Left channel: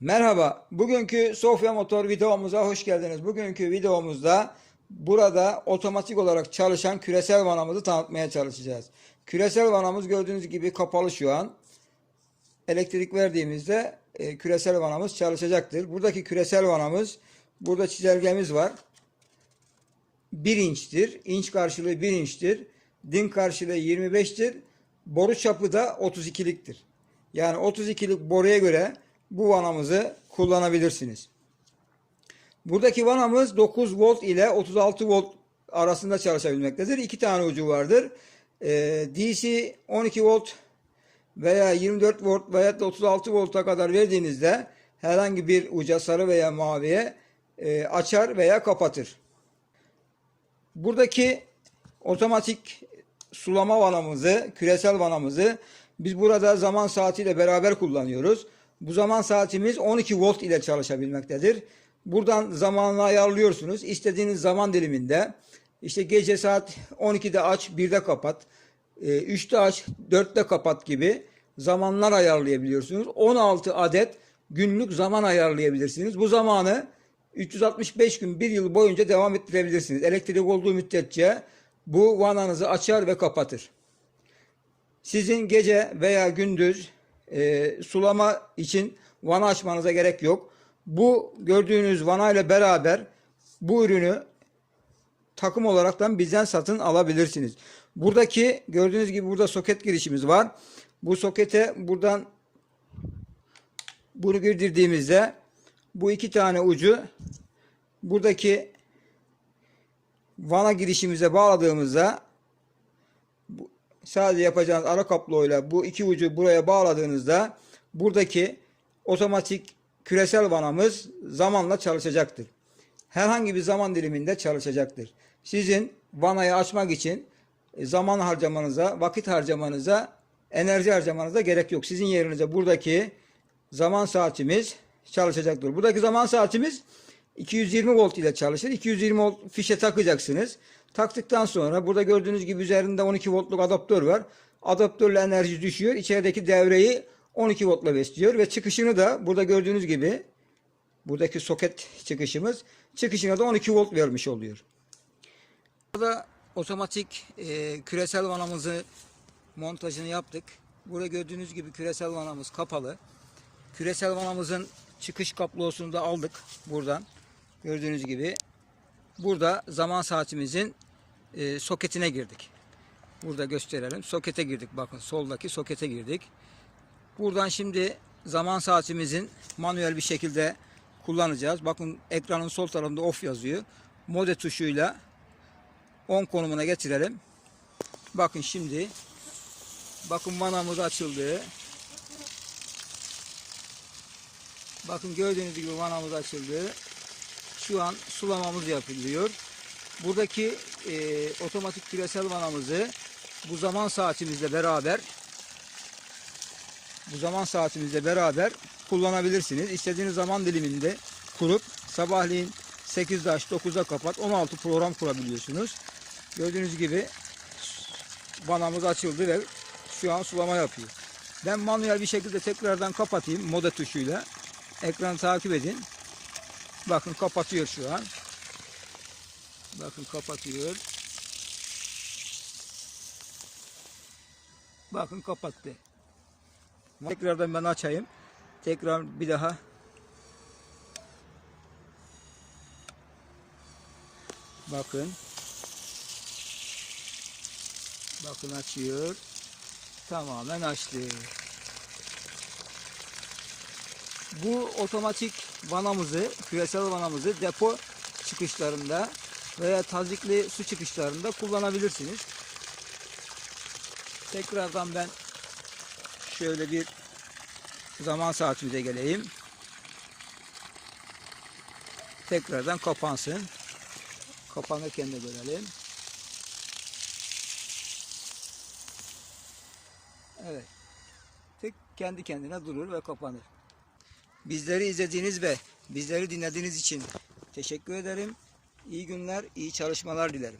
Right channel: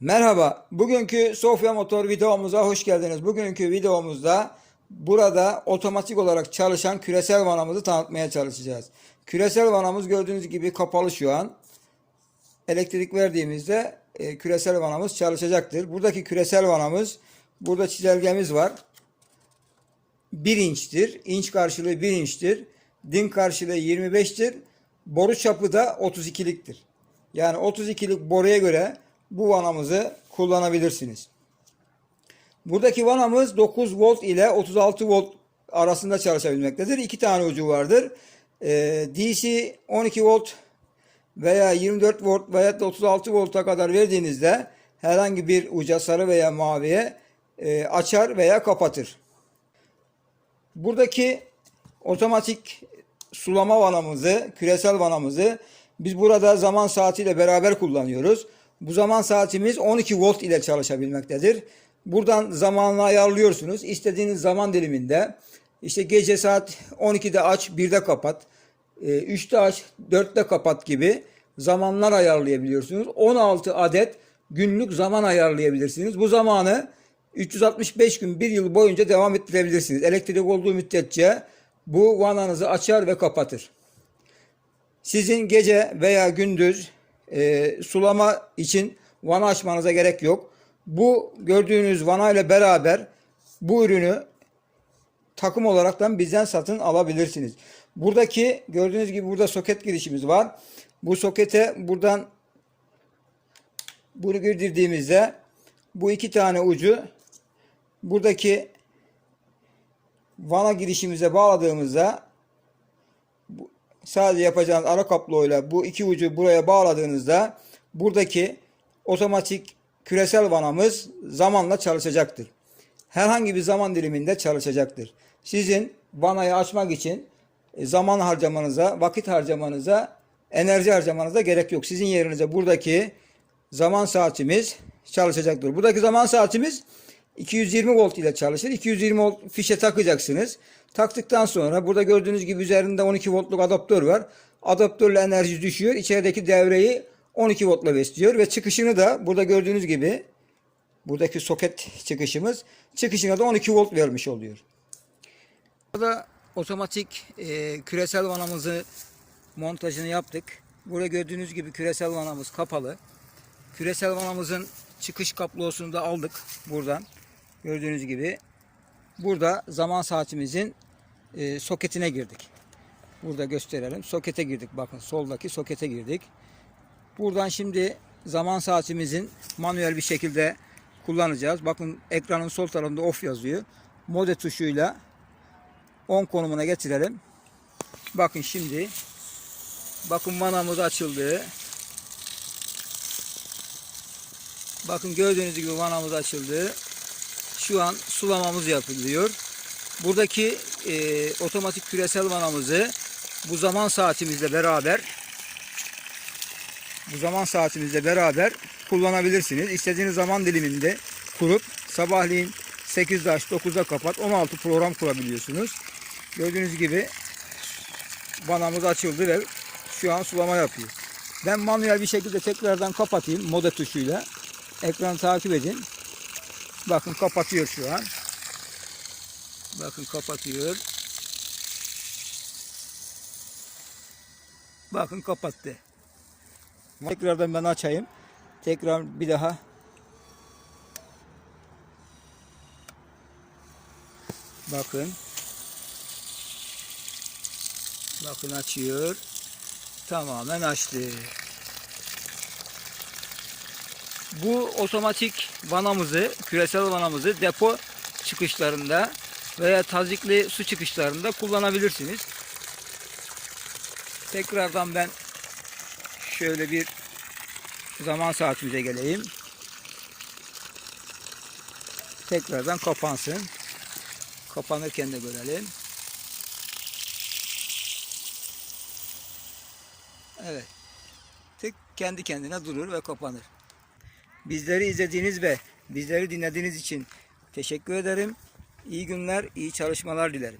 Merhaba, bugünkü Sofya Motor videomuza hoş geldiniz. Bugünkü videomuzda burada otomatik olarak çalışan küresel vanamızı tanıtmaya çalışacağız. Küresel vanamız gördüğünüz gibi kapalı şu an. Elektrik verdiğimizde e, küresel vanamız çalışacaktır. Buradaki küresel vanamız, burada çizelgemiz var. 1 inçtir. İnç karşılığı 1 inçtir. Din karşılığı 25'tir. Boru çapı da 32'liktir. Yani 32'lik boruya göre bu vanamızı kullanabilirsiniz. Buradaki vanamız 9 volt ile 36 volt arasında çalışabilmektedir. İki tane ucu vardır. Ee, DC 12 volt veya 24 volt veya da 36 volta kadar verdiğinizde herhangi bir uca sarı veya maviye e, açar veya kapatır. Buradaki otomatik sulama vanamızı, küresel vanamızı biz burada zaman saatiyle beraber kullanıyoruz. Bu zaman saatimiz 12 volt ile çalışabilmektedir. Buradan zamanını ayarlıyorsunuz. İstediğiniz zaman diliminde işte gece saat 12'de aç, 1'de kapat, 3'te aç, 4'te kapat gibi zamanlar ayarlayabiliyorsunuz. 16 adet günlük zaman ayarlayabilirsiniz. Bu zamanı 365 gün bir yıl boyunca devam ettirebilirsiniz. Elektrik olduğu müddetçe bu vananızı açar ve kapatır. Sizin gece veya gündüz e, sulama için vana açmanıza gerek yok. Bu gördüğünüz vana ile beraber bu ürünü takım olaraktan bizden satın alabilirsiniz. Buradaki gördüğünüz gibi burada soket girişimiz var. Bu sokete buradan bunu girdirdiğimizde bu iki tane ucu buradaki vana girişimize bağladığımızda sadece yapacağınız ara kabloyla bu iki ucu buraya bağladığınızda buradaki otomatik küresel vanamız zamanla çalışacaktır. Herhangi bir zaman diliminde çalışacaktır. Sizin vanayı açmak için e, zaman harcamanıza, vakit harcamanıza, enerji harcamanıza gerek yok. Sizin yerinize buradaki zaman saatimiz çalışacaktır. Buradaki zaman saatimiz 220 volt ile çalışır. 220 volt fişe takacaksınız. Taktıktan sonra burada gördüğünüz gibi üzerinde 12 voltluk adaptör var. Adaptörle enerji düşüyor. İçerideki devreyi 12 voltla besliyor ve çıkışını da burada gördüğünüz gibi buradaki soket çıkışımız çıkışına da 12 volt vermiş oluyor. Burada otomatik e, küresel vanamızı montajını yaptık. Burada gördüğünüz gibi küresel vanamız kapalı. Küresel vanamızın çıkış kablosunu da aldık buradan. Gördüğünüz gibi. Burada zaman saatimizin e, soketine girdik. Burada gösterelim. Sokete girdik. Bakın soldaki sokete girdik. Buradan şimdi zaman saatimizin manuel bir şekilde kullanacağız. Bakın ekranın sol tarafında off yazıyor. Mode tuşuyla on konumuna getirelim. Bakın şimdi bakın vanamız açıldı. Bakın gördüğünüz gibi vanamız açıldı. Şu an sulamamız yapılıyor. Buradaki e, otomatik küresel vanamızı bu zaman saatimizle beraber bu zaman saatimizle beraber kullanabilirsiniz. İstediğiniz zaman diliminde kurup sabahleyin 8'de aç 9'da kapat 16 program kurabiliyorsunuz. Gördüğünüz gibi vanamız açıldı ve şu an sulama yapıyor. Ben manuel bir şekilde tekrardan kapatayım moda tuşuyla. Ekranı takip edin. Bakın kapatıyor şu an. Bakın kapatıyor. Bakın kapattı. Tekrardan ben açayım. Tekrar bir daha. Bakın. Bakın açıyor. Tamamen açtı. Bu otomatik vanamızı, küresel vanamızı depo çıkışlarında veya tazikli su çıkışlarında kullanabilirsiniz. Tekrardan ben şöyle bir zaman saatimize geleyim. Tekrardan kapansın. Kapanırken de görelim. Evet. Tek kendi kendine durur ve kapanır. Bizleri izlediğiniz ve bizleri dinlediğiniz için teşekkür ederim. İyi günler, iyi çalışmalar dilerim.